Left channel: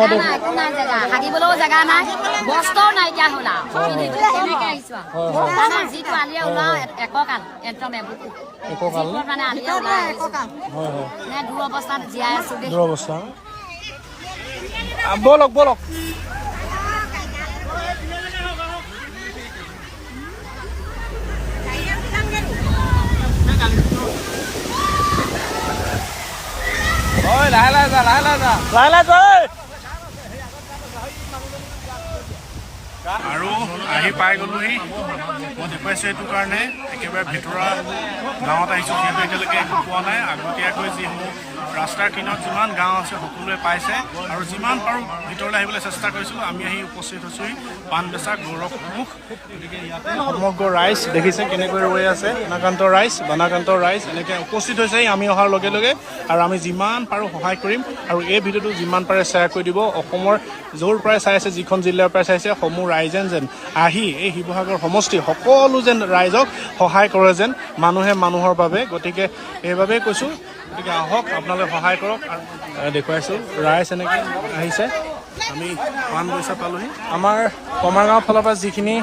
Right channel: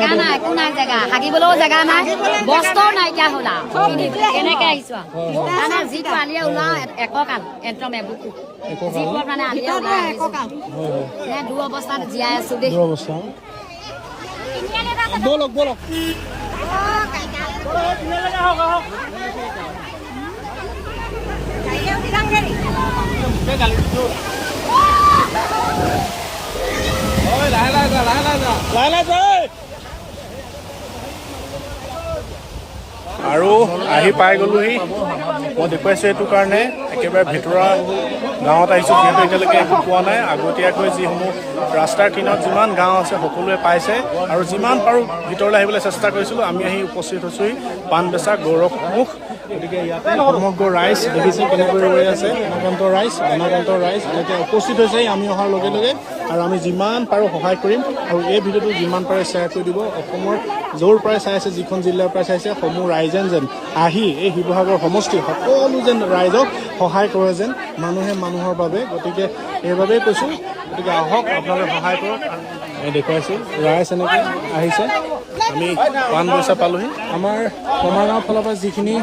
জেগা নাই, একো নাই জেগা, হাগিবলৈও জেগা নাই, বস্ত্ৰও নাইকিয়া হ'ল আৰু কেনেকে আহিছো আৰু মানে যিটো আলিয়ে ওলাও এককাল একদম এবুকু যিবোৰ মানে আলিয়ে ওলাই এককাল দূৰ অৱস্থাত জীয়াই আছো দেই। বলক বলক আৰু আহি পাই গলোহি। মই দেখুৱাইছো এইটো কাৰণে একেবাৰে ভিতৰুৱা গাঁৱত আহিছো, যিহেতু এতিয়ালৈকে একো পোৱা নাই। আগতীয়াকৈ যিসমূহ ৰাস্তাৰ কিনাৰত যিমান গাঁও আছে সকলোৱে পাইছে, আৰু যিমান পাৰোঁ ভিতৰলৈ আহিবলৈ চেষ্টা কৰিছিলোঁ। আমি আহি উপস্থিত হৈছোহি পাণবেচা গৌৰৱমুখ। গতিকে ইয়াতে সমগ্ৰ ৰাইজ দেখিছে কেনেকৈ ৰৈ আছে। বানাকান্ত ৰাইজ এনেকৈ উপস্থিত হৈছেহি আমি অহাৰ লগে লগে, আৰু আমি যিমান পাৰোঁ সহায় কৰিম। আৰু এই ভিডিঅ'টো যিমান পাৰে শ্বেয়াৰ কৰি দিব। অসমৰ য'ৰ পৰাই চাই আছে, যিখন জিলাৰ পৰাই চাইছে, সমূহ ৰাইজে যেন আহি এই শিৱসাগৰ সমষ্টি সকলো যেন ৰাইজক সহায় কৰে যেন, মানুহে মানুহৰ বাবে। গতিকে এইবাবেই কৈছোঁ, গতিকে আহক আপোনালোকে সহায় কৰক। দেখুৱাইছোঁ ৰাইজ এনেকৈ আহিছে। আমি পাণবৈছা পালোহি। আমাৰ কমাৰগাঁও ফালৰ পৰা যিখিনি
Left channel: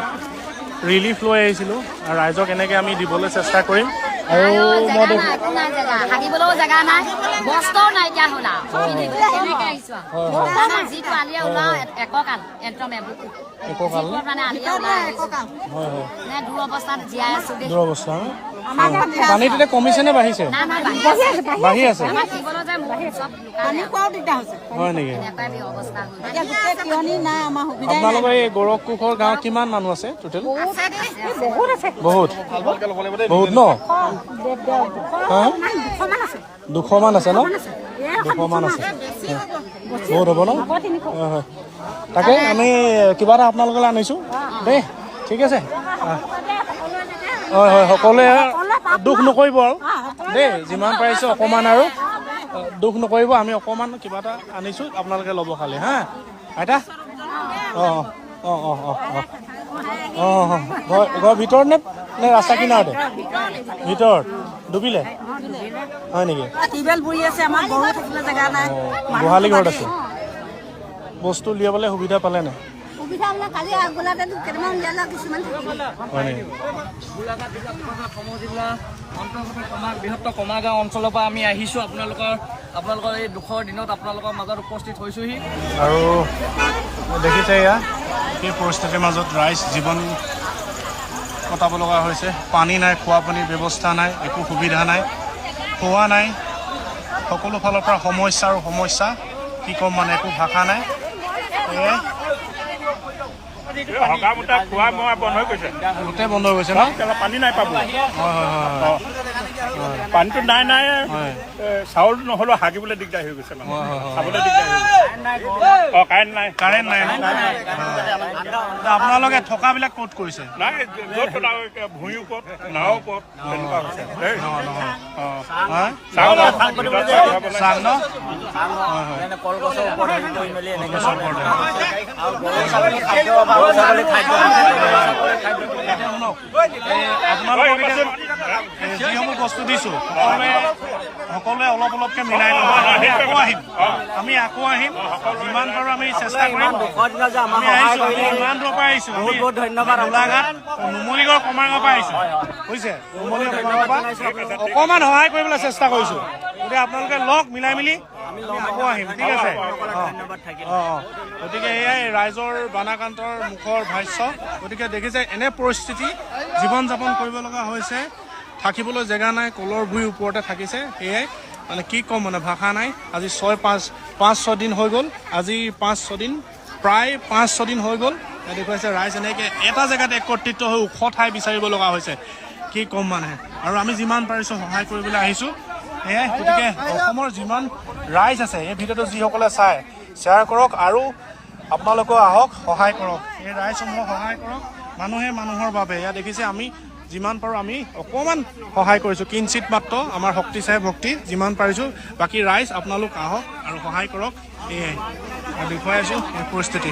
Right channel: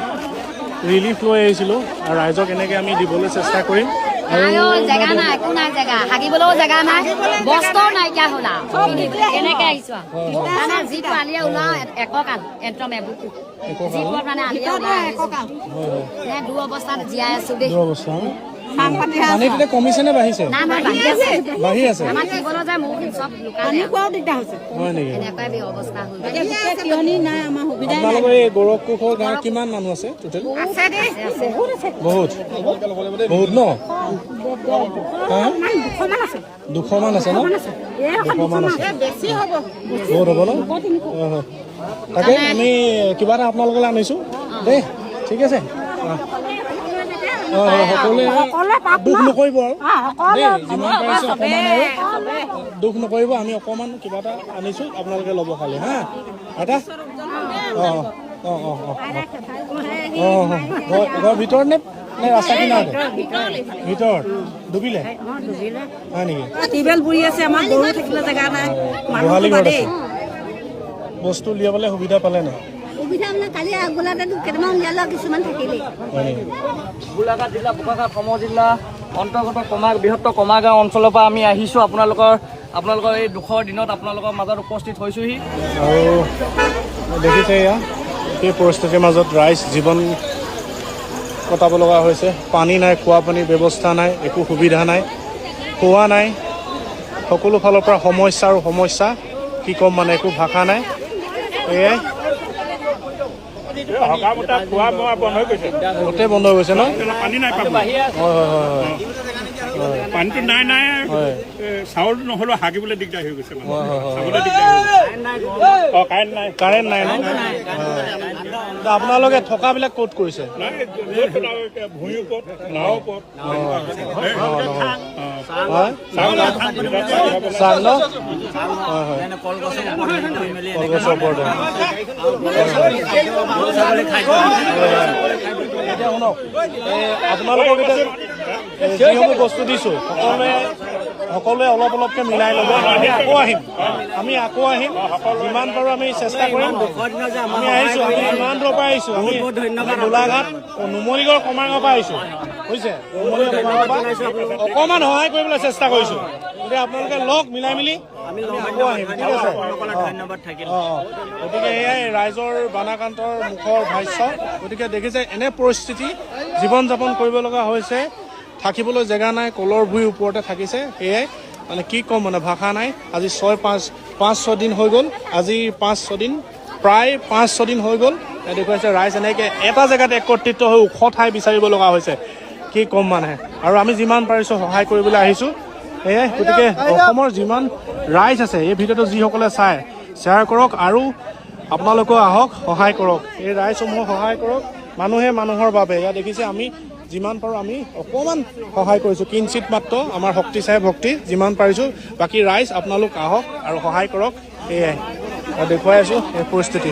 ৰিলিফ লৈ আহিছিলোঁ, ৰাইজক এনেকৈ আমি দিবলৈ চেষ্টা কৰিম। আৰু জেগা নাই, একো নাই জেগা, হাগিবলৈও জেগা নাই, বস্ত্ৰও নাইকিয়া হ'ল আৰু কেনেকে আহিছো আৰু মানে যিটো আলিয়ে ওলাও এককাল একদম এবুকু যিবোৰ মানে আলিয়ে ওলাই এককাল দূৰ অৱস্থাত জীয়াই আছো দেই। পানী তেতিয়া কমিছে নে বাঢ়িছে? বাঢ়ি আছে। হয় নেকি? আপোনালোকৰ এই গৌৰৱকুশৰ গাঁৱত কিমান মানুহ আছে টোটেল? বহুত বহুত ন? 200 মান আছে ন? 200 মান আছে। বহুত হ'ব ন? তাকে আমি কিবা এটা আপোনালোকলৈ আনিছোঁ দেই। ঠিক আছে। হয় হয়, সকলোৱে দুখ নকৰিব আৰু দেই, যিমান পাৰিছে অকণমান আৰু দুখ নকৰিব। আমি অকণমান কিবা এটা আনিছোঁ, আপোনালোকে ল'ব খালি হা আইতা। অঁ অঁ অঁ অঁ অঁ অঁ ঘৰ ভিতৰত নে ৰাস্তা কিনাৰতে? ভিতৰত ডুবিলে হয় নেকি? গোহালি ঘৰত আছে। বস্তু উলিয়াবলৈ সুবিধা পালে নাই? গোলাঘাট জিলা, বোকাখাট সমজিলা অন্তৰ্গত বৃহত্তৰ কমাৰগাঁও অঞ্চলৰ পৰা আমি আহিছোঁ। আপোনালোকৰ এই দুখৰ দিনত আপোনালোকৰ মাজত উপস্থিত হৈছোহি। আৰু দেখিছে এয়া এই পৰিস্থিতিৰ মাজত ৰাইজ জীৱন কটাব লগা হৈছে। পানী নাই, খোৱা পানীৰ ব্যৱস্থা নাই, একো সুবিধা নাই, খোৱা নাই, সকলো ফালৰ পৰা সমস্যা আৰু সমস্যা। কি ক'ম মানে, একো ভাষা নাই। এয়াই গোটেই বন্ধ হৈ গৈছে ন? পানী নাই পাব। পানীটো নাই চাউল নহ'লেও হাগিবলৈ দিগদাৰ হৈ গৈছে, খাবলৈ দিগদাৰ হৈ গৈছে। কাৰেণ্ট নাই। আপোনালোকে থকাবিলাক ক'ত কৰিছে? ভূঁইৰ ওপৰত, নাৱৰ ওপৰত এনেকুৱা হৈছে। আপোনালোকক এতিয়া যিসমূহ বস্তু দিছোঁ সকলোৱে অলপ অলপকৈ মিলাই ল'ব। আমি আকৌ আহিম, যিমান পাৰোঁ আমি চেষ্টা কৰিম। ইমান দূৰৰ পৰা আহিছোঁ, বহুত ধন্যবাদ। গোলাঘাট নুমলীগড় কমাৰগাঁৱৰ পৰা আহিছোঁ, বুজিছে? অকণমান সহায় কৰিবলৈ চেষ্টা কৰিছোঁ। এতিয়া আপোনালোকে লগ মিলাই মিলি আকৌ আহিম, ঠিক আছে? গতিকে এয়াই ৰাইজৰ বানাকান্তৰ মুখৰ ভাষ্য। গতিকে দেখিছে এনে পৰিস্থিতি জীৱন যাপন কৰিব লগা হৈছে। থাকিবলৈ জেগা নাই, কলৰ ভুঁইৰ ওপৰতে থাকিছে। সেয়াই মানে কি ক'ম, মানে ভাষা নাই। আজি 5-6 দিন হৈ গ'ল। আজি 5-6 দিন, প্ৰায় 5-6 দিন হৈ গ'ল। দেখুৱাইছে ৰাইজ এনেকৈ এটা জেগাত একত্ৰিত হৈ ওখ ঠাই বিচাৰিব লগা হৈছে। কি ক'ম মানে, আৰু আমি যিমান পাৰিছোঁ সহায় কৰিবলৈ আহিছোঁ। সেয়াই গতিকে অসমৰ যিমান ৰাইজ আছে এই ভিডিঅ'টো যিসকলে চায় শ্বেয়াৰ কৰক, আৰু আপোনালোকেও আহক সহায় কৰক। এই ৰাইজসমূহক সহায় কৰক। মানুহে মানুহৰ বাবে। এয়া দেখিছে আমি যিমান পাৰোঁ আমি অকণমান সহায় কৰিছোঁ, কিঞ্চিত মাত্ৰ। আমাৰ শক্তি চাই ভক্তি, যিমান পাৰিছোঁ। বাকী ৰাইজ আপোনালোক আহক আৰু সহায় কৰক। এয়াই দেখুৱাই আছোঁ এই পৰিস্থিতি।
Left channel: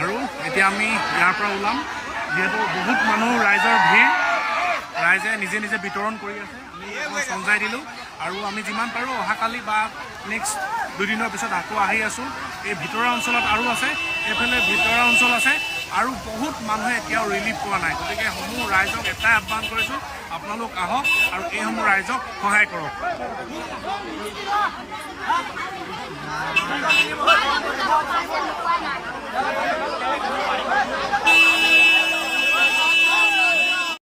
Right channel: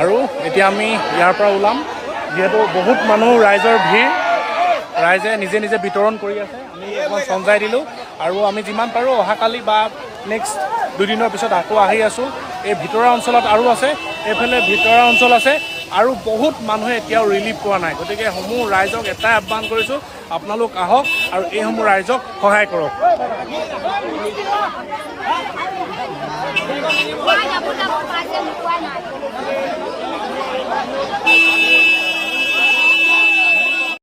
আৰু এতিয়া আমি ইয়াৰ পৰা ওলাম যিহেতু বহুত মানুহ ৰাইজৰ ভিৰ ৰাইজে নিজে নিজে বিতৰণ কৰি আছে আমি এখন সঞ্জাই দিলোঁ আৰু আমি যিমান পাৰোঁ অহাকালি বা নেক্সট দুদিনৰ পিছত আকৌ আহি আছোঁ এই ভিতৰুৱা অঞ্চলত আৰু আছে এইফালে ভিতৰুৱা অঞ্চল আছে আৰু বহুত মানুহে এতিয়াও ৰিলিফ পোৱা নাই গতিকে সমূহ ৰাইজক এটাই আহ্বান কৰিছোঁ আপোনালোক আহক আৰু এইসমূহ ৰাইজক সহায় কৰক